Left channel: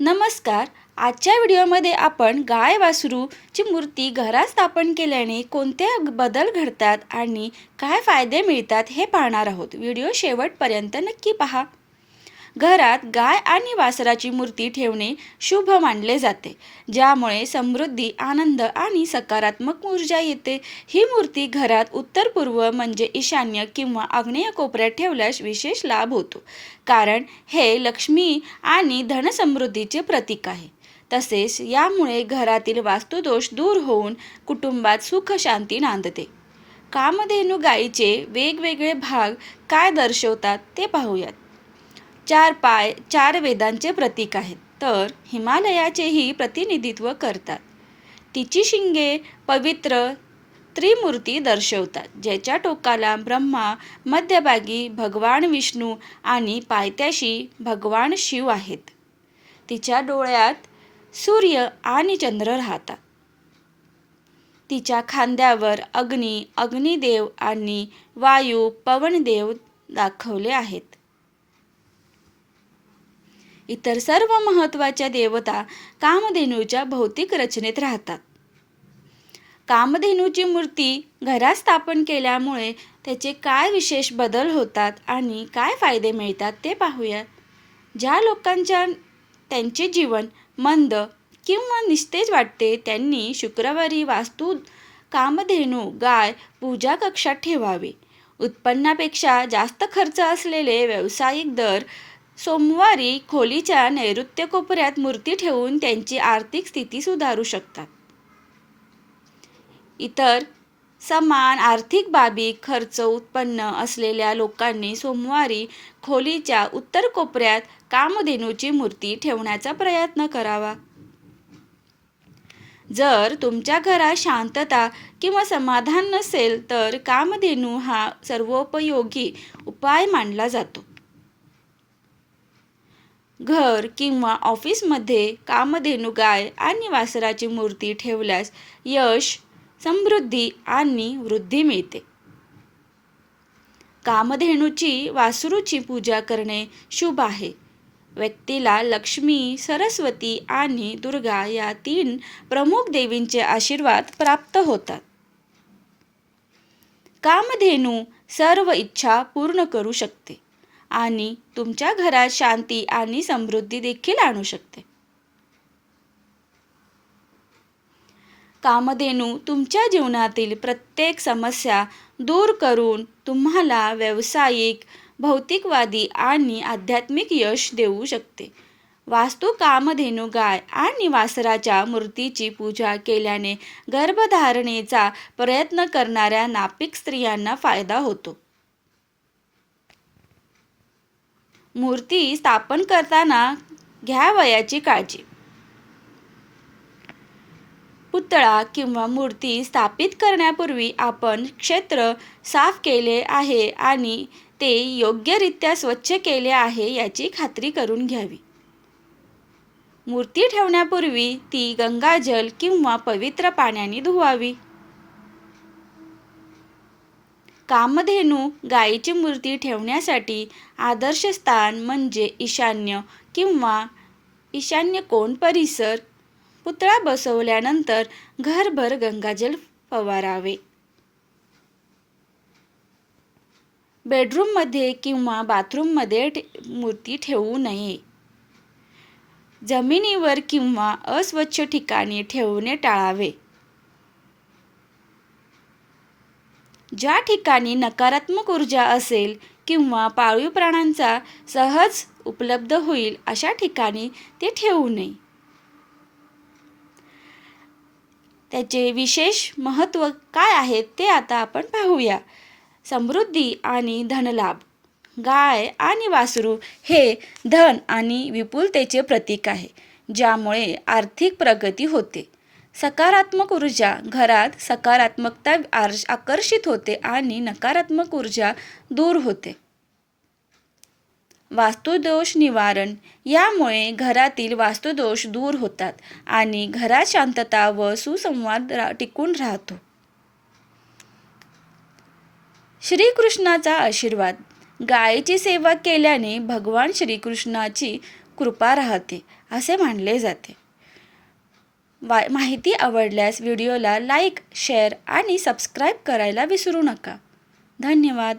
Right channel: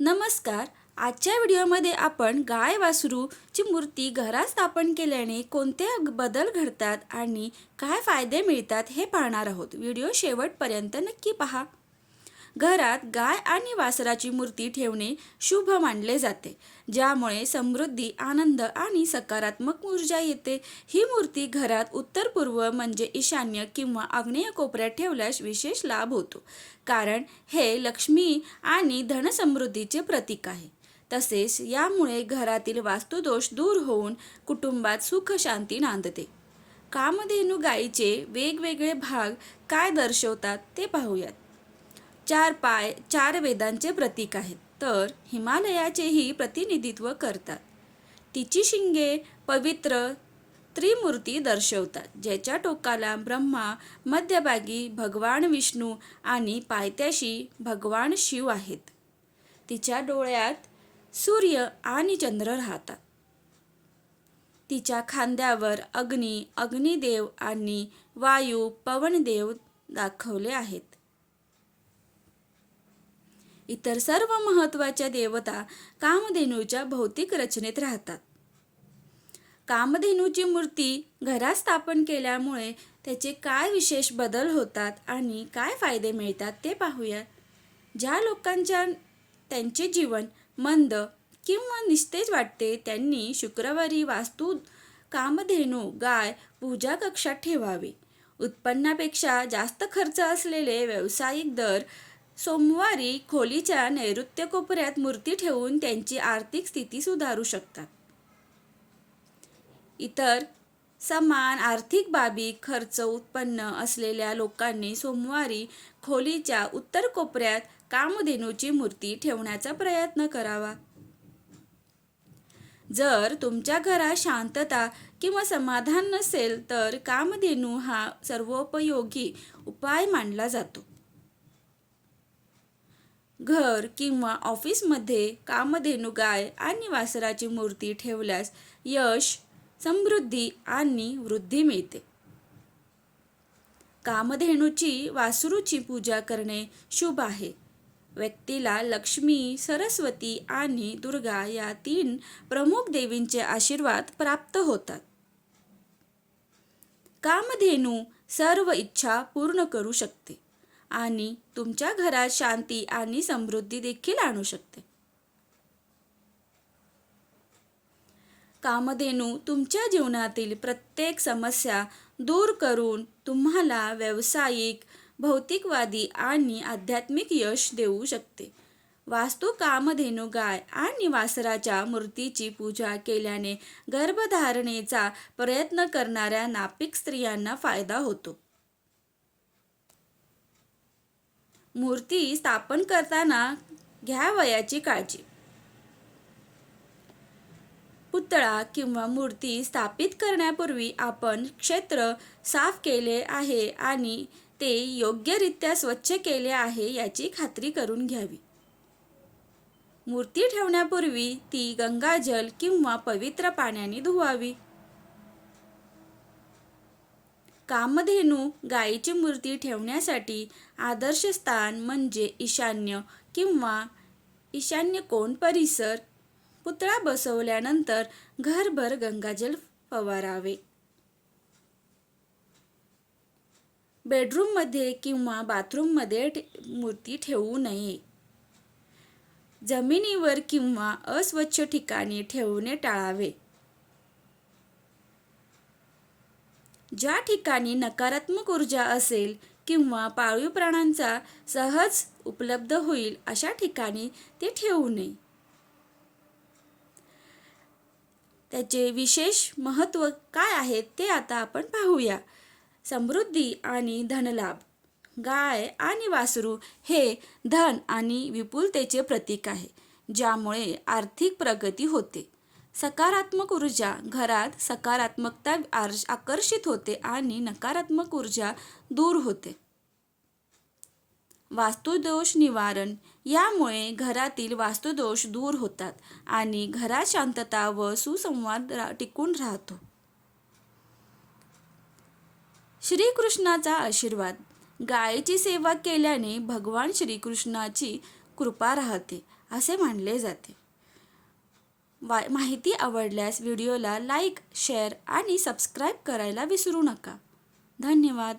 नमस्कार. आजच्या व्हिडिओमध्ये आपण गाय वासरूची मूर्ती घरात स्थापन केल्याने कोणते बदल घडतात आणि काय फायदे मिळतात हे पाहणार आहोत. व्हिडिओ शेवटपर्यंत नक्की पहा. घरात गाय आणि वासराची मूर्ती ठेवणे शुभ मानले जाते, ज्यामुळे समृद्धी, आनंद आणि सकारात्मक ऊर्जा येते. ही मूर्ती घरात उत्तर पूर्व म्हणजे ईशान्य किंवा आग्नेय कोपऱ्यात ठेवल्यास विशेष लाभ होतो, कारण हे लक्ष्मी आणि धनसमृद्धीचे प्रतीक आहे. तसेच यामुळे घरातील वास्तुदोष दूर होऊन कुटुंबात सुख शांती नांदते. कामधेनू गायीचे वेगवेगळे भाग काय दर्शवतात ते पाहूयात. 4 पाय 4 वेदांचे प्रतीक आहेत, तर हिमालयाचेही प्रतिनिधित्व करतात. तिची शिंगे पवित्र त्रिमूर्ती दर्शवतात, ज्याच्या टोकाला ब्रह्मा, मध्यभागी भगवान विष्णू आणि पायथ्याशी भगवान शिव आहेत. तिच्या डोळ्यात सूर्य आणि चंद्र राहतात. तिच्या खांद्यावर अग्नी, अग्निदेव आणि वायू, पवनदेव दाखवले आहेत. इतर सर्व महत्त्वाच्या देवता कामधेनूच्या भौतिक रचनेत राहतात. कामधेनूची मूर्ती घरात स्थापन केल्यामुळे त्याचे काय विशेष बदल होतात आणि काय फायदे मिळतात ते पाहूया. ज्या लोकांच्या त्यांचे जीवन मंद किंवा निस्तेज वाटते, त्यांनी शुक्रवारी वास्तू कामधेनू गाय पूजा कक्षात ठेवावे. उत्पन्नापेक्षा जास्त खर्च असलेले व्यावसायिक दर सोमवारी खोलीच्या नैऋत्य कोपऱ्यात मूर्ती ठेवून त्यांची आर्थिक स्थिती सुधारू शकतात. इतर समान आर्थिक बाबी खर्च उत्पन्न असलेल्या लोकांनी सोमवारी खोलीच्या उत्तर कोपऱ्यात कामधेनूची मूर्ती ठेवण्याचा प्रयत्न करावा. जर तुमच्या घरात शांतता किंवा समाधान नसेल, तर कामधेनू हा सर्वोपयोगी उपाय मानला जातो. घर किंवा ऑफिसमध्ये कामधेनू गाय आणि वासराची मूर्ती ठेवल्यास यश, समृद्धी आणि वृद्धी मिळते. कामधेनूची वासरूची पूजा करणे शुभ आहे. व्यक्तीला लक्ष्मी, सरस्वती आणि दुर्गा या 3 प्रमुख देवींचे आशीर्वाद प्राप्त होतात. कामधेनू सर्व इच्छा पूर्ण करू शकते आणि तुमच्या घरात शांती आणि समृद्धी देखील आणू शकते. कामधेनू तुमच्या जीवनातील प्रत्येक समस्या दूर करून तुम्हाला व्यावसायिक, भौतिकवादी आणि आध्यात्मिक यश देऊ शकते. वास्तू कामधेनू गाय आणि वासराच्या मूर्तीची पूजा केल्याने गर्भधारणेचा प्रयत्न करणाऱ्या नापिक स्त्रियांना फायदा होतो. मूर्ती स्थापन करताना घ्यावयाची काळजी. पुतळा किंवा मूर्ती स्थापित करण्यापूर्वी आपण क्षेत्र साफ केले आहे आणि ते योग्यरित्या स्वच्छ केले आहे याची खात्री करून घ्यावी. मूर्ती ठेवण्यापूर्वी ती गंगाजल किंवा पवित्र पाण्याने धुवावी. कामधेनू गायीची मूर्ती ठेवण्यासाठी आदर्श स्थान म्हणजे ईशान्य किंवा ईशान्य कोन परिसर. पुतळा बसवल्यानंतर घरभर गंगाजल फवारावे. बेडरूममध्ये किंवा बाथरूममध्ये मूर्ती ठेवू नये. जमिनीवर किंवा अस्वच्छ ठिकाणी ठेवणे टाळावे. ज्या ठिकाणी नकारात्मक ऊर्जा असेल किंवा पाळीव प्राण्यांचा सहज उपलब्ध होईल अशा ठिकाणी ते ठेवू नये. त्याचे विशेष महत्त्व काय आहेत ते आता आपण पाहूया. समृद्धी आणि धनलाभ. गाय आणि वासरू हे धन आणि विपुलतेचे प्रतीक आहे, ज्यामुळे आर्थिक प्रगती होते. सकारात्मक ऊर्जा. घरात सकारात्मकता आकर्षित होते आणि नकारात्मक ऊर्जा दूर होते. वास्तुदोष निवारण. यामुळे घरातील वास्तुदोष दूर होतात आणि घरात शांतता व सुसंवाद टिकून राहतो. श्रीकृष्णाचा आशीर्वाद. गायीची सेवा केल्याने भगवान श्रीकृष्णाची कृपा राहते असे मानले जाते. माहिती आवडल्यास व्हिडिओला लाईक, शेअर आणि सबस्क्राईब करायला विसरू नका. धन्यवाद.